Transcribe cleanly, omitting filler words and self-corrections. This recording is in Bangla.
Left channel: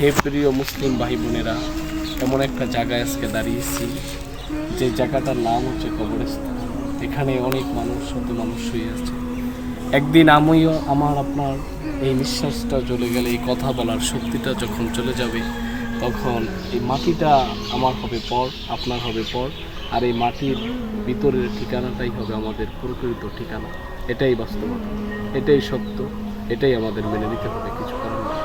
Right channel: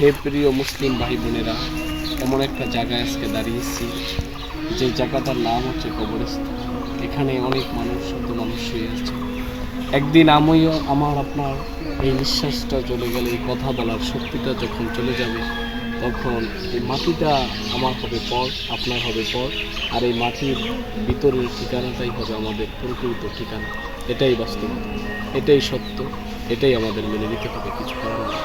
হে প্রিয় মুসলিম ভাই বোনেরা, এমন একটা জায়গায় আজকে দাঁড়িয়েছি যে জায়গাটার নাম হচ্ছে কবরস্থান। এখানে অনেক মানুষ, শত মানুষ শুয়ে আছে। একদিন আমিও আপনার এই নিঃশ্বাসটা চলে গেলে, এই কথা বলার শক্তিটা যখন চলে যাবে, তখন এই মাটিটা আমার হবে পর, আপনার হবে পর, আর এই মাটির ভিতরের ঠিকানাটাই হবে আমাদের প্রকৃত ঠিকানা। এটাই বাস্তবতা, এটাই সত্য, এটাই আমাদের মেনে নিতে হবে, কিছু করার নেই।